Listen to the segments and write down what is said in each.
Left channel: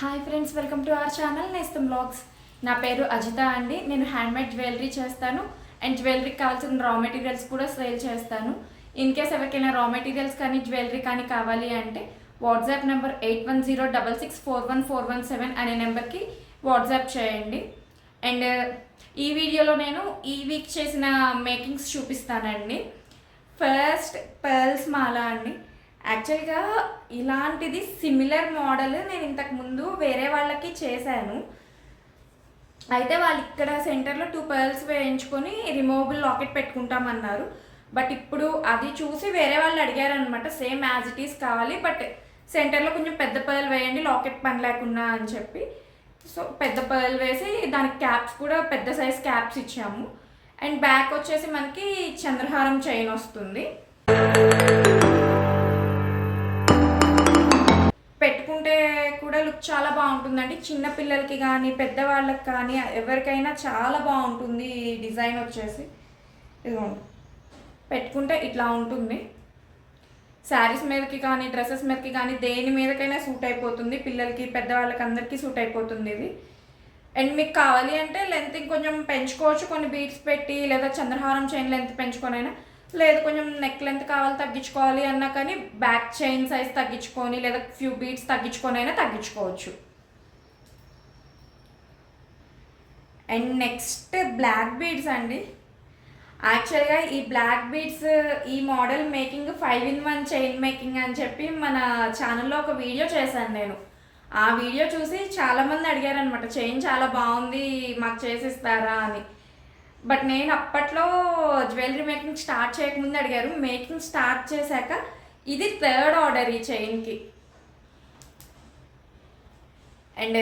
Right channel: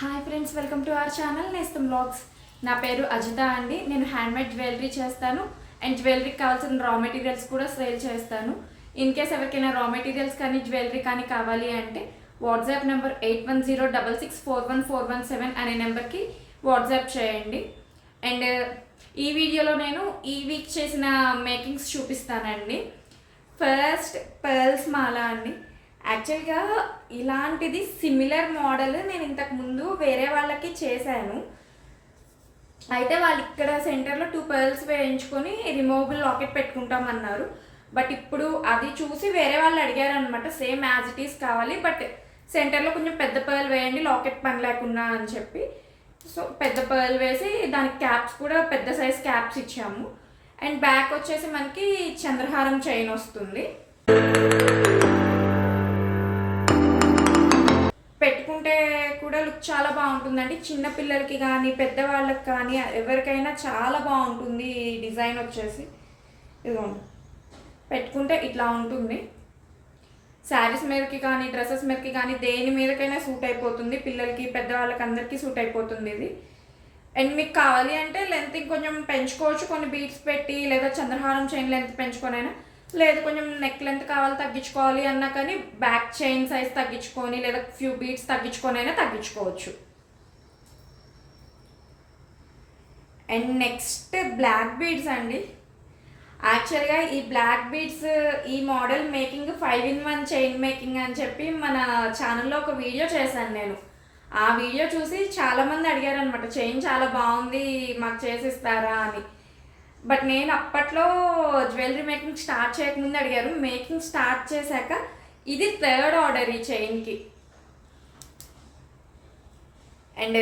Hi friends, welcome to our channel నేస్తం blogs. నా పేరు అజిత అండి. నేను హ్యాండ్మేడ్ జ్యువెలరీ చేస్తాను అండ్ జ్యువెలరీకి కావాల్సిన రా మెటీరియల్స్ కూడా సేల్ చేస్తాను. ఇన్ కేస్ ఎవరికైనా రా మెటీరియల్స్ కానీ జ్యువెలరీ కానీ కావాలి అంటే వాట్సాప్ నెంబర్ 8106641417 అనే నెంబర్కి వాట్సాప్ చేయండి. అండ్ ఈ వీడియోలో నేను ఈ వీక్ చేసిన మేకింగ్స్ చూపిస్తానండి. ఫస్ట్ పర్ల్స్ మాల అండి. యాక్చువల్గా ఇలాంటిది సిమిలర్ మోడల్ నేను ఇంతకుముందు వేరే వాళ్ళకి చేశాను. అయితే వాళ్ళు ఇక్కడ సెంటర్లో 2 పర్ల్స్ వేయించుకొని రిమూవబుల్ లాకెట్ పెట్టుకుంటామన్నారు. బట్ ఇప్పుడు అది చూసి వేరే వాళ్ళు అడిగారు అనమాట, సేమ్ యాజ్ ఇట్ ఈస్ కావాలి, బట్ సెంటర్లో కొంచెం పెద్ద పర్ల్ వేయండి లాకెట్ పని లేకుండా అని చెప్పి. సో పెద్ద పర్ల్ వేసి దానికి క్యాప్స్ కూడా పెద్ద సైజ్ క్యాప్స్ ఇచ్చాము. అండ్ బ్యాక్ వచ్చేసి మనకి చంద్రహారం చైన్ వస్తుంది. పెట్టుకుంటే కూడా లుక్ చాలా బాగుంటుందండి. చిన్నపిల్లలకి కానీ పెద్దవాళ్ళకి కానీ ఎవరికైనా చాలా బాగుంటుంది. ఈ డిజైన్ వచ్చేసి ఇదిగోండి, పెట్టుకుంటే ఇట్లా ఉంటుంది. శారీస్ మీదకి కానీ డ్రెస్సెస్ మీదకి కానీ దేని మీదకైనా సూట్ అయిపోతుంది. పిల్లలకి పెద్దవాళ్ళకి అందరికీ సూట్ అయిపోతుంది ఇది. అండ్ మీకు కావాలి అంటే లెంత్ ఇంకొంచెం పెంచుకోవచ్చు, కొన్ని బీడ్స్ పెట్టి, లేదా చంద్రహారం చైన్ లెంత్ పెంచుకొనైనా, లేదు కొంచెం నెక్ లెంత్ కావాలి తగ్గించుకోవాలి అన్నా కానీ బ్యాక్ చైన్ సైజ్ తగ్గించుకొని లేదా ఫ్యూ బీడ్స్ తగ్గించుకొని అయినా తగ్గించుకోవచ్చు. అండ్ నెక్స్ట్ బ్లాక్ బీడ్స్ అండి. యాక్చువల్గా ఈ బ్లాక్ బీడ్స్ ఈ model making 5-in-1 chain making అని చెప్పి మన ఛానల్లో ఒక వీడియో చేశాను నేను. ఆ వీడియో చూసి చాలామంది అడిగారు అనమాట, చైన్ చాలా బాగుంది మాకు చేసిస్తారా అని. బట్ నేను అప్పట్లో జ్యువెలరీ మేకింగ్ స్టార్ట్ చేయకముందు అడిగారు. మేకింగ్ స్టార్ట్ చేశాక ఇది 3rd ఆర్డర్ ఈ చైన్కి. అండ్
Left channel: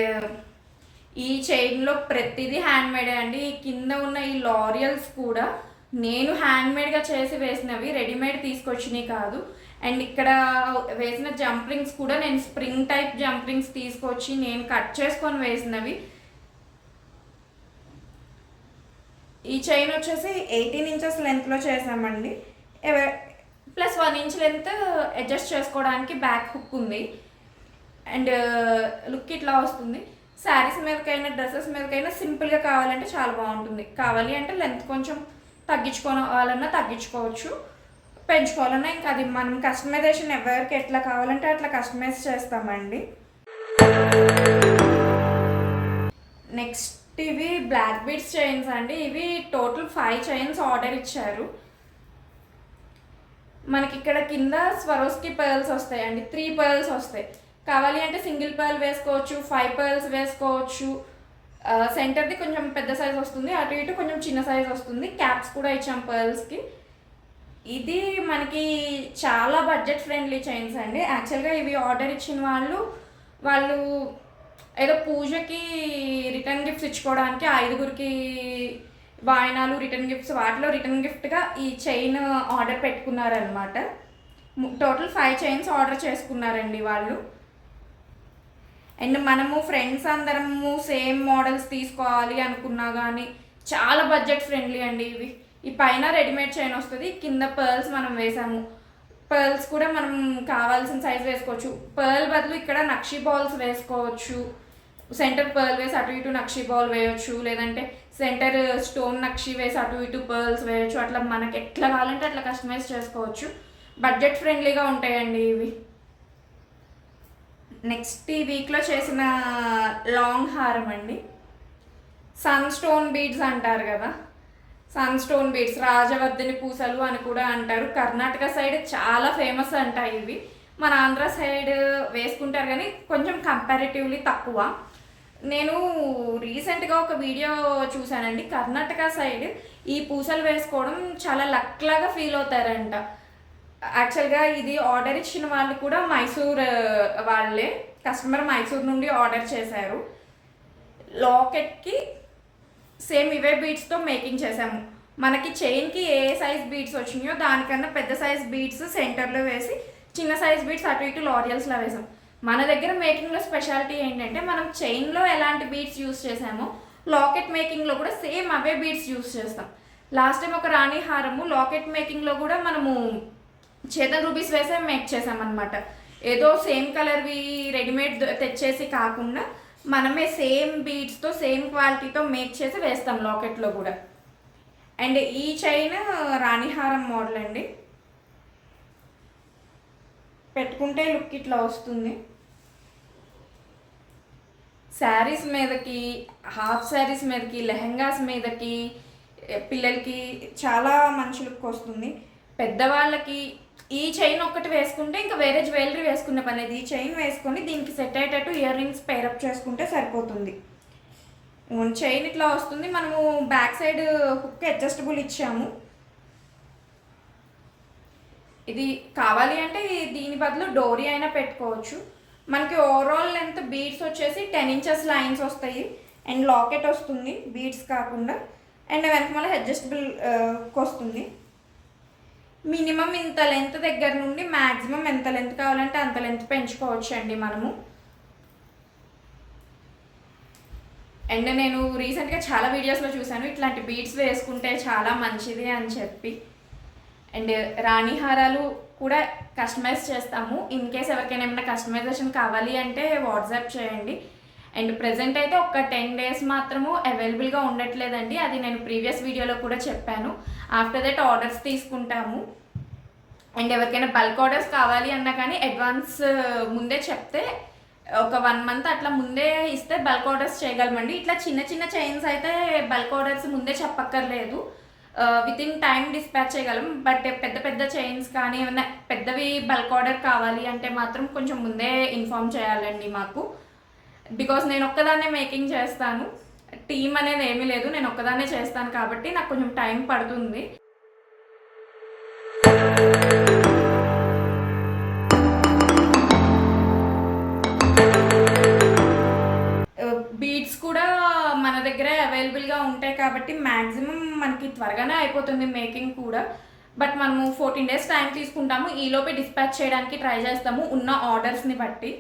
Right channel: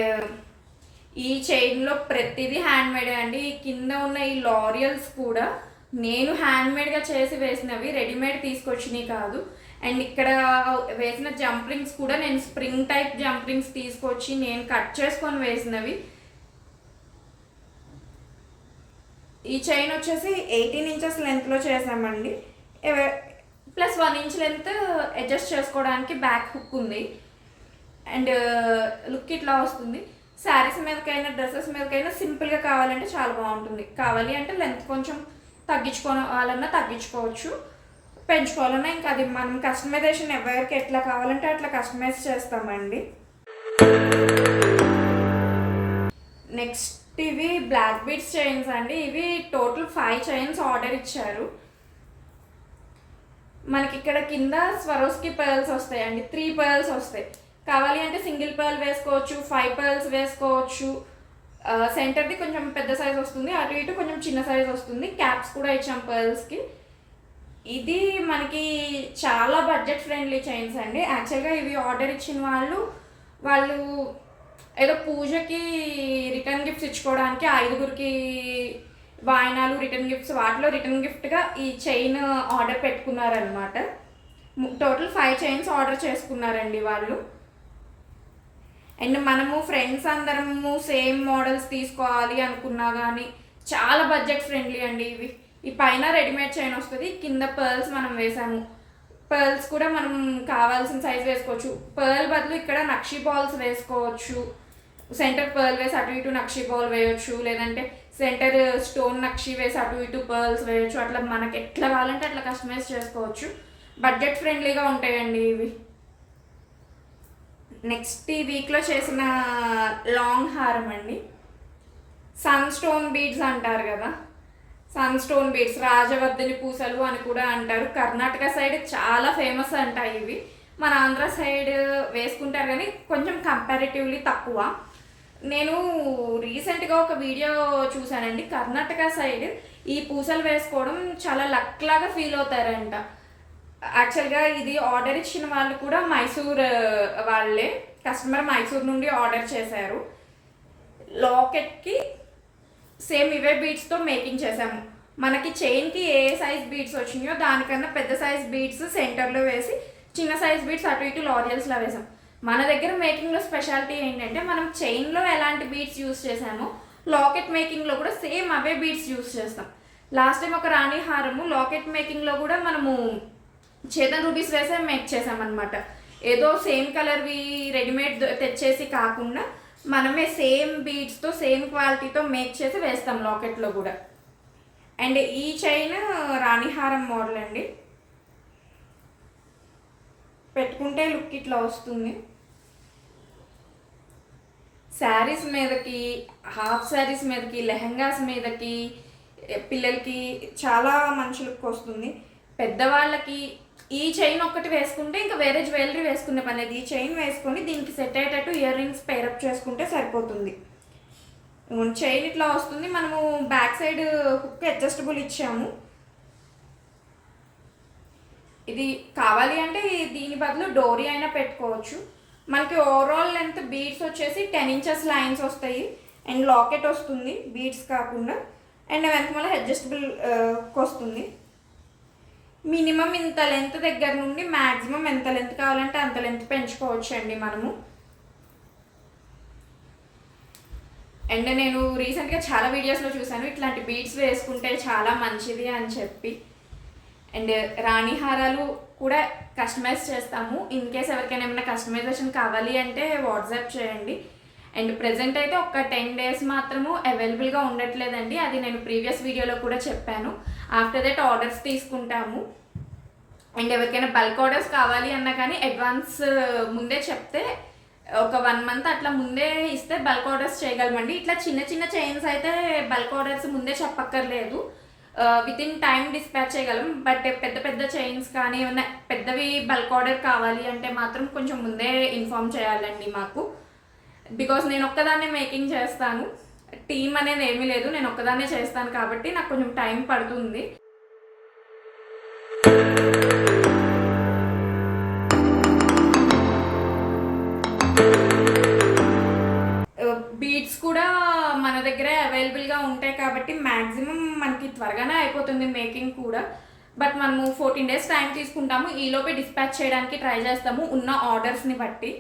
ఈ చైన్లో ప్రతిదీ హ్యాండ్మేడే అండి. కింద ఉన్న ఈ లారియల్స్ కూడా నేను హ్యాండ్మేడ్గా చేసి వేసినవి, రెడీమేడ్ తీసుకొచ్చినవి కాదు. అండ్ ఇక్కడ వేసిన జంప్ రింగ్స్ కూడా నేను స్ప్రింగ్ టైప్ జంప్ రింగ్స్ తీసుకొచ్చి నేను కట్ చేసుకొని వేసినవి. ఈ చైన్ వచ్చేసి 18 ఇంచెస్ లెంత్లో చేసామండి. ప్లస్ 1 ఇంచ్ లెంత్ అడ్జస్ట్ చేసుకోవడానికి బ్యాక్ హుక్ ఉంది. అండ్ లుక్ ఇట్లా వస్తుంది. శారీస్ మీదకైనా డ్రెస్సెస్ మీదకైనా సింపుల్గా కావాలంటే చాలా బాగుంటుంది. కావాలి అంటే లెంత్ కొంచెం తగ్గించుకోవాలన్నా తగ్గించుకోవచ్చు, పెంచుకోవాలన్నా ఇంకా అది మనం కస్టమైజేషన్ ఎవరికి ఎట్లా కావాలంటే అట్లా కస్టమైజ్ చేస్తామండి. నెక్స్ట్ ఇవి బ్లాక్ బీడ్స్ చైన్స్ అండి. ఇవి టోటల్ 5 చైన్స్ ఆర్డర్ ఇచ్చారు. మనకి ఇక్కడ కింద స్వరోస్కి పర్ల్స్ వస్తాయండి, 3 పర్ల్స్ వస్తాయి. కావాలి అంటే సింగిల్ పర్ల్ వేసుకోవచ్చు, 5 పర్ల్స్ వేసుకోవచ్చు. సెంటర్ది కొంచెం పెద్ద సైజ్ వస్తుంది, అటు ఇటు కొంచెం చిన్న సైజ్ వస్తుంది. క్యాప్స్ కూడా ఇచ్చాం పర్ల్స్కి. ఇది మనకి చాలా బడ్జెట్ ఫ్రెండ్లీ చైన్స్ అండి. యాక్చువల్గా ఇవి ఆర్డర్ ఇచ్చిన వాళ్ళు ఏదో పూజకి రిటర్న్ గిఫ్ట్స్ ఇచ్చుకోవడానికి 5గురికి వాయినాలు రిటర్న్ గిఫ్ట్స్, వాటిలో రిటర్న్ గిఫ్ట్గా ఈ చైన్ ఆర్డర్ పెట్టుకున్నారనమాట. టోటల్ 5 చైన్స్ ఆర్డర్ చేసుకున్నారండి వాళ్ళు. అండ్ మనము ఫ్రెండ్స్ అందరము సేమ్ మోడల్స్ తీసుకోవాలి అనుకున్నా కానీ చాలా బడ్జెట్ ఫ్రెండ్లీ అండి ఇవి. ఈ పైన రెడీమేడ్ చైన్ వస్తుంది, కింద పర్ల్స్ మనం వేసాము. పర్ల్స్ కూడా మనం కావాల్సిన సైజ్ వేసుకోవచ్చు. పర్ల్ బదులు ఇక్కడ నక్షి బాల్స్ వేసుకోవచ్చు. సెంటర్ పర్ల్ వేసి అటు ఇటు నక్షి బాల్ వేయచ్చు, లేదంటే సెంటర్ స్టోన్ నక్షి వేసి అటు ఇటు పర్ల్స్ వేయచ్చు. అట్లా మనకి ఎట్లా కావాలంటే అట్లా కస్టమైజ్ చేసుకోవచ్చు. బడ్జెట్ ఫ్రెండ్లీగా ఉంటాయండి ఇవి. నెక్స్ట్ ఈ వీక్లో చేసిన లాంగ్ హారం అండి. సన్ స్టోన్ బీడ్స్ అంటారు కదా, సన్ స్టోన్ బీడ్స్, రాజవర్ధని పూసలు అని కూడా అంటారు. కర్ణాటక సైడ్ చాలా ఫేమస్ అంటాయి ఇవి. మన ఆంధ్ర సైడ్ వేసుకుంటారు కానీ కొంచెం కంపారిటివ్లీ తక్కువ. నేను రీసెంట్గా ఒక వీడియో చూశానండి. కర్ణాటక సైడ్ ఈ పూసలు వేసుకోవడం చాలా లక్ లాగా ఫీల్ అవుతారంట. యాక్చువల్గా ఇది ఆర్డర్ ఇచ్చిన వాళ్ళు కూడా మైసూర్ వాళ్ళే, కస్టమర్ మైసూర్ నుండి ఆర్డర్ చేశారు. లాకెట్కి సేమ్ ఇవే బీడ్స్తో మేకింగ్ చేసాము. మనకి చైన్కి ఏ సైజ్ బీడ్స్ వచ్చినాయో దానికన్నా పెద్ద సైజ్ బీడ్స్ సెంటర్లో వేసి చిన్న సైజ్ బీడ్స్ అటు ఇటు లారియల్స్లో వేసాం. మన దగ్గర మేకింగ్లో స్పెషాలిటీ ఏంటంటే మనం చైన్లో ఎలాంటి బీడ్స్ యూస్ చేసామో లాకెట్ మేకింగ్లో కూడా సేమ్ అవే బీడ్స్ యూస్ చేస్తాం. లాస్ట్ టైం ఒక రాణి హారము లాకెట్ మేకింగ్లో కూడా మనము చేతన్ రూబీస్ వేసే మేక్ చేసామన్నమాట. ఏదో సేమ్ కలర్వి రెడీమేడ్ తెచ్చేసి కాకుండా మనమే సేమ్ బీడ్స్తో సేమ్ క్వాలిటీతో మేక్ చేసి వేస్తాం లాకెట్లో కూడా. అండ్ ఈ చైన్ రాణిహారం మోడల్ అండి. పెట్టుకుంటే లుక్ ఇట్లా వస్తుంది. శారీస్ మీదకి, హాఫ్ శారీస్ మీదకి, లెహంగాస్ మీదకి, పిల్లలకి చాలా మంచి లుక్ వస్తుంది. పెద్దవాళ్ళకి ఈ చైన్ ఒక్కటి వేసుకుంటే ఇంకా వేరే జ్యువెలరీ వేసుకునే పని లేదు. ఈ చైన్ వేసుకొని దీనికి సెట్ అయ్యేటట్టు ఇయర్ రింగ్స్ పేరప్ చేసుకుంటే సరిపోతుంది. చైన్ ఇట్లా వస్తుంది. మనము బ్యాక్ సైడ్ హుక్ అడ్జస్టబుల్ ఇచ్చాము. ఇది కావాలి అంటే దీని బదులు డోరీ అయినా పెట్టుకోవచ్చు. మనకి ఓవరాల్ లెంత్ బీడ్స్ వచ్చేసి 10 inches లైన్స్ వస్తాయి. అండ్ లాకెట్ వస్తుంది బీడ్స్ కాకుండా. అండ్ వెనకమాల అడ్జస్టబుల్ వస్తుంది. మినిమం ఇంత లెంత్ దగ్గర నుండి మ్యాక్సిమం ఎంత లెంత్ కావాలంటే అంత లెంత్ పెంచుకోవచ్చు అండి మనము. అండ్ నేను రీసెంట్గా చాలా వీడియోస్లో చూశాను ఇట్లాంటి బీడ్స్ వేసుకుంటే చాలా మంచిది అని చెప్పి. అండ్ రాణి హారాలు కూడా కస్టమైజ్ చేస్తాము. ఇన్ కేస్ ఎవరికైనా ఏమైనా కస్టమైజేషన్ కావాలి అంటే వాట్సాప్ చేయండి. అండ్ ప్రజెంట్ అయితే ఒక 10 days మాత్రము అవైలబుల్గా ఉండట్లేదండి. అది నేను ప్రీవియస్ వీడియోలో కూడా చెప్పాను. ఆఫ్టర్ దట్ ఆర్డర్స్ తీసుకుంటాము. అండ్ ఎవరికైనా బల్క్ ఆర్డర్స్ కావాలి అన్నా కానీ అడ్వాన్స్ ముందే చెప్తే ఒక 1 month అట్లా ముందే ఇస్తే బల్క్ ఆర్డర్స్ చేయగలమండి. ఇట్లా చిన్న చిన్న చైన్స్ అయితే బల్క్ ఆర్డర్స్ ముందే చెప్పక్కర్లేదు, విత్ ఇన్ టైం డిస్పాచ్ చేయగలం. బట్ పెద్ద పెద్ద చైన్స్ కానీ ఏమైనా పెద్దవి బల్క్ ఆర్డర్ కావాలి అంటే మాత్రం కొంచెం ముందే ఇన్ఫామ్ చేయాలండి మాకు. బికాస్ నేను ఒక్కదాన్నే మేకింగ్ చేస్తాను, టీమ్ అనేది ఏమీ లేదు, నేను ఒక్కదాన్నే చేస్తాను కాబట్టి నాకు కొంచెం టైం పడుతుంది. బీడ్స్ కూడా మన దగ్గర అవైలబుల్గా ఉంటాయి కాబట్టి మ్యాక్సిమం మనకి త్వరగానే అయిపోతుంది మేకింగ్ కూడా. బట్ మనము 14 days టైం తీసుకుంటాము. ఈలోపే డిస్పాచ్ చేయడానికి ట్రై చేస్తాము ఉన్న ఆర్డర్స్ని బట్టి.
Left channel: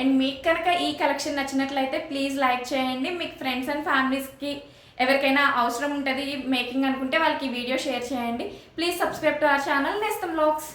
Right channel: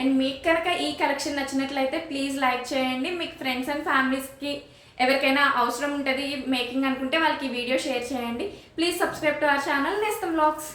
అండ్ మీకు కనుక ఈ కలెక్షన్ నచ్చినట్లయితే ప్లీజ్ లైక్ చేయండి. మీకు ఫ్రెండ్స్ అండ్ ఫ్యామిలీస్కి ఎవరికైనా అవసరం ఉంటుంది మేకింగ్ అనుకుంటే వాళ్ళకి ఈ వీడియో షేర్ చేయండి. Please subscribe to our channel నేస్తం వ్లాగ్స్.